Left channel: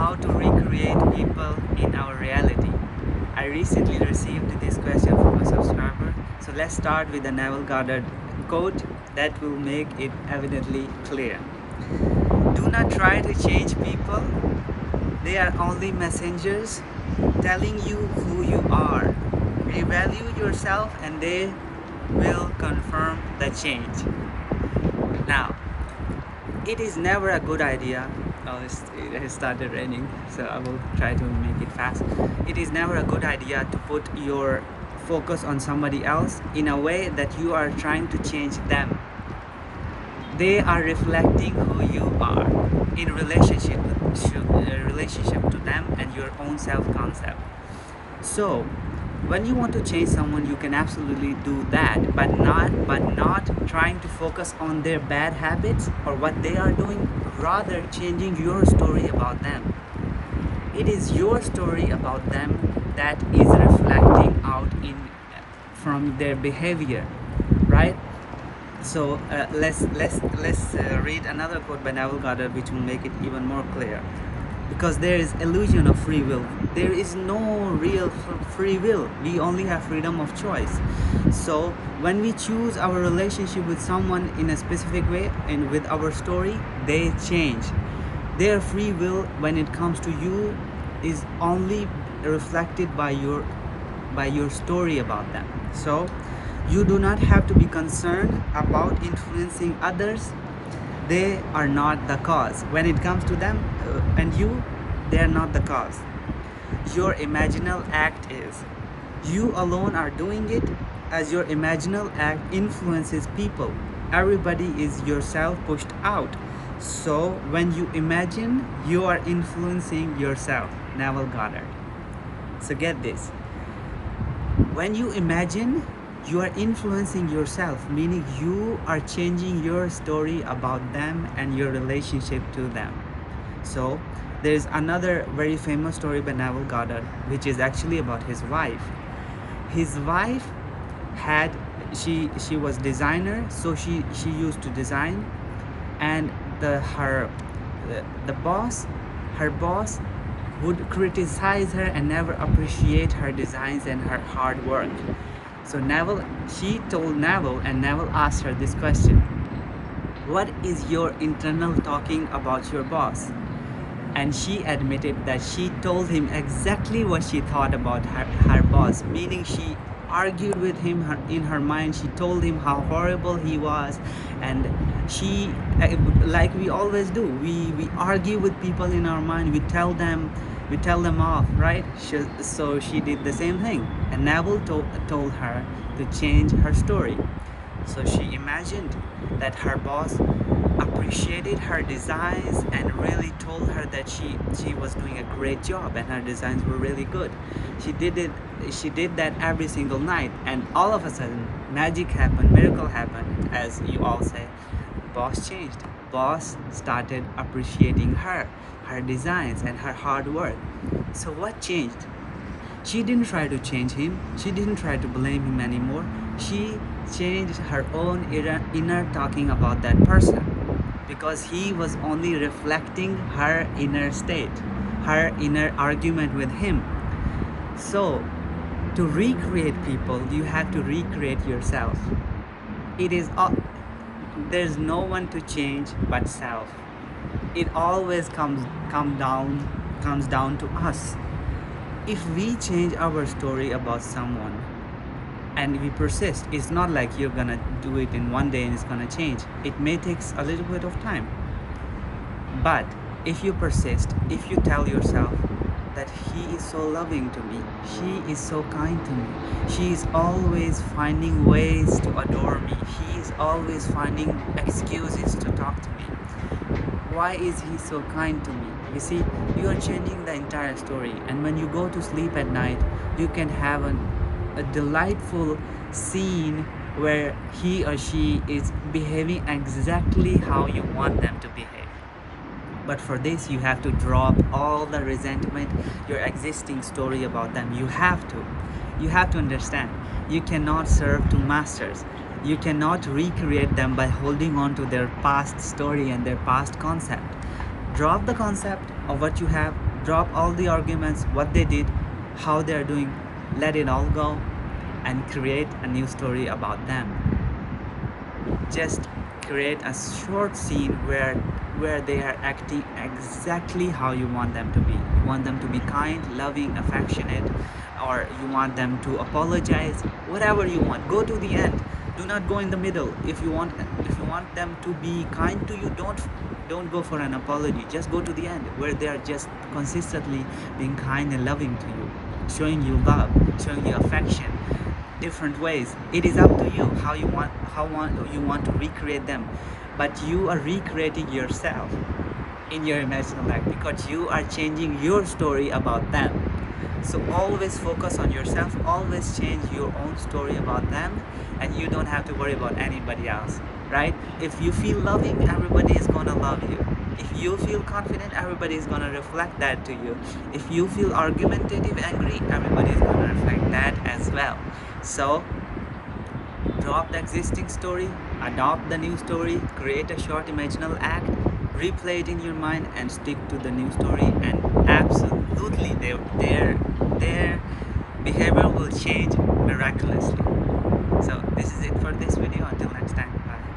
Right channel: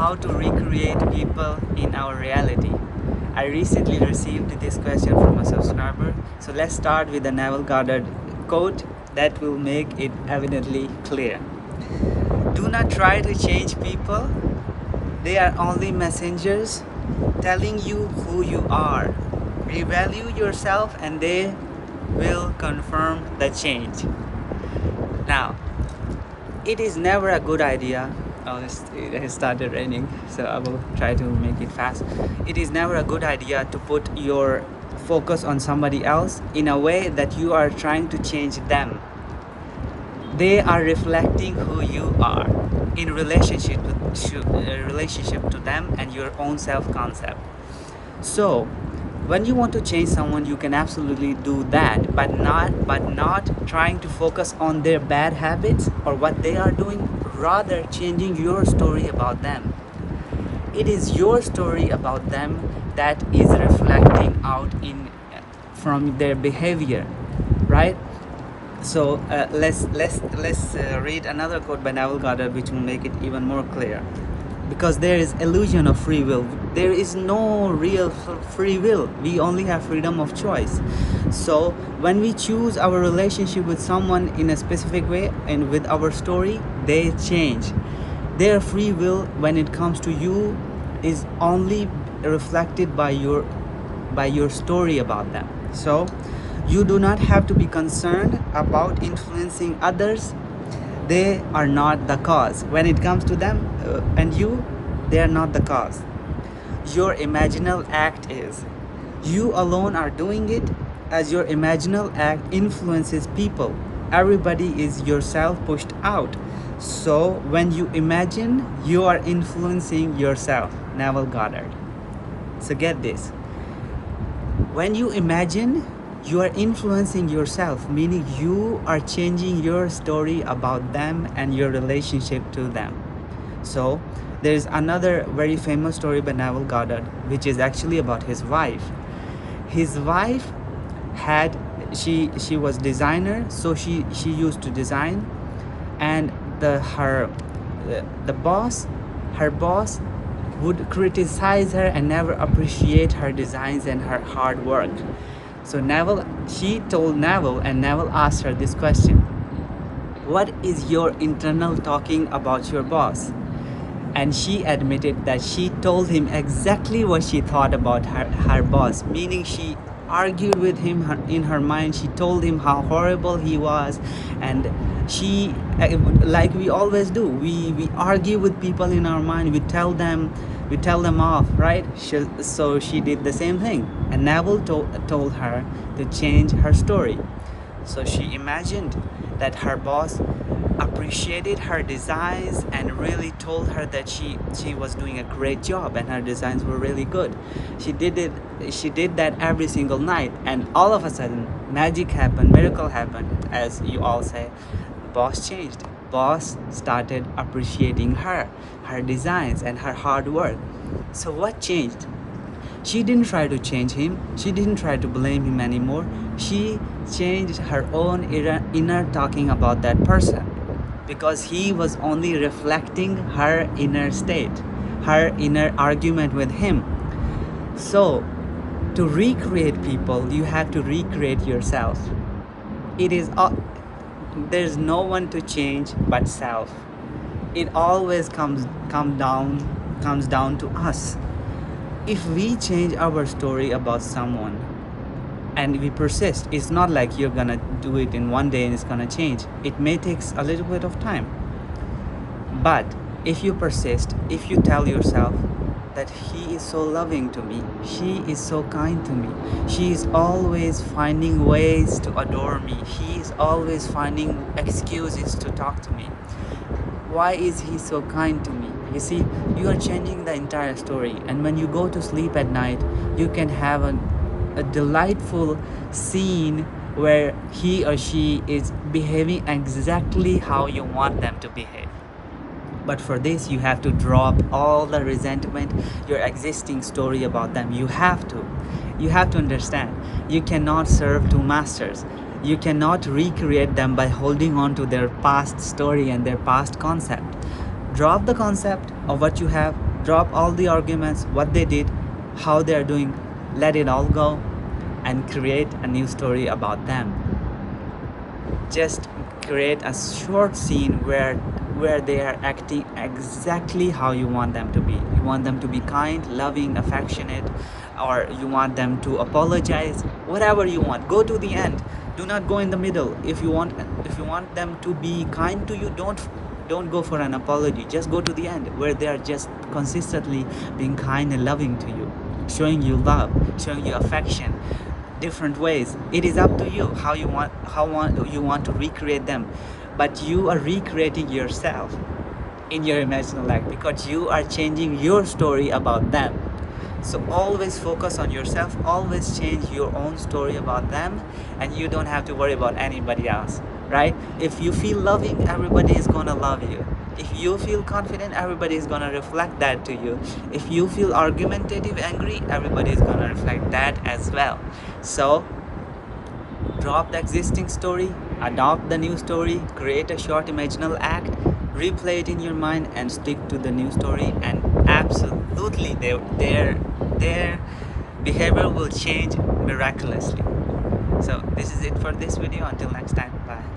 how to recreate people in our reality. I recently received this question from a subscriber, so let's start with the Neville Goddard quote that will make it evidently clear. Do not try to change people, they are only messengers telling you who you are. Revalue yourself and they will confirm the change. Now, it is never a good idea. It has started raining, so I will try to make it fast. It is never a good idea to put your focus on somebody else in a way that you are trying to change them. They are reflecting who you are in relationship to them and your own self-concept. So when you want to change someone, you can absolutely do that, but not trying to focus on their bad habits or what they are doing, rather changing your story about them. It is your story about them that is reflecting out from their behavior, right? So let's read another quote by Neville Goddard, which will make it even more clear. Because there is illusion of free will. There is no real free will. We only have freedom of choice. So when we choose our relationship with someone in a specific way and with our story, they change. Their free will when it comes to you is only reflected by your story about them. So you do not have to be concerned about influencing others. They are not the cause. When it comes to them and you, they are not the cause. Your imaginal act is. You alone are doing it, as your imaginal act influences people. Everybody is yourself pushed out. So when you imagine, you are influencing yourself. Neville Goddard. So get this. When you imagine, you are influencing yourself, meaning you are changing your story about them and your relationship to them. So there's another very famous story by Neville Goddard, which is actually about his wife. His wife she was designer, so she used to design, and her boss would criticize her and never appreciate her designs and her hard work. So she told Neville, and Neville asked her this question: what is your internal talking about your boss? And she admitted that she told him exactly what she thought about her boss, meaning she argued with him in her mind. She told him how horrible he was, and she, like we always do, we argue with people in our mind. We tell them off, right? So she did the same thing, and Neville told her to change her story. So she imagined that her boss appreciated her designs and really told her that she was doing a great job and her designs were really good. She did that every single night, and all of a sudden magic happened, miracle happened, as you all say. Boss changed. Boss started appreciating her designs and her hard work. So what changed? She didn't try to change him. She didn't try to blame him anymore. She changed her own inner talking about that person, because he was only reflecting her inner state, her inner argument with him. So to recreate people, you have to recreate yourself. There's no one to change but self. It always comes down to us. If we change our story about someone and we persist, it's not like you're gonna do it in one day and it's gonna change. It may take a little bit of time, but if you persist, if you tell yourself that he is so loving to me, she is so kind to me, she is always finding ways to adore me, he is always finding excuses to talk to me, why is he so kind to me? You see, you are changing the entire story. And when you go to sleep at night, you can have a delightful scene where he or she is behaving exactly how you want them to behave. But for this, you have to drop all the resentment, your existing story about them. You have to understand, you cannot serve two masters. You cannot recreate them by holding on to their past story and their past concept. Drop the concept of what you have, Drop all the arguments, what they did, how they are doing, let it all go, and create a new story about them. Just create a short scene where they are acting exactly how you want them to be. You want them to be kind, loving, affectionate, or you want them to apologize. Whatever you want, go to the end. Do not go in the middle. If you want them to be kind to you, don't go for an apology. Just go to the end where they are just consistently being kind and loving to you, showing you love, showing you affection, different ways. It is up to you how you want to recreate them, but you are recreating yourself in your imaginal act because you are changing your story about them. So always focus on yourself, always change your own story about them, and you don't have to worry about anybody else, right? If you feel loving, everybody is gonna love you. If you feel confident, everybody is gonna reflect that to you. If you feel argumentative, angry, everybody is gonna reflect that as well. So drop the existing story, adopt the new story, create a short imaginal act, replay it in your mind, and stick to the new story, and absolutely their behavior will change miraculously. So this is it for this video. Until next time, bye.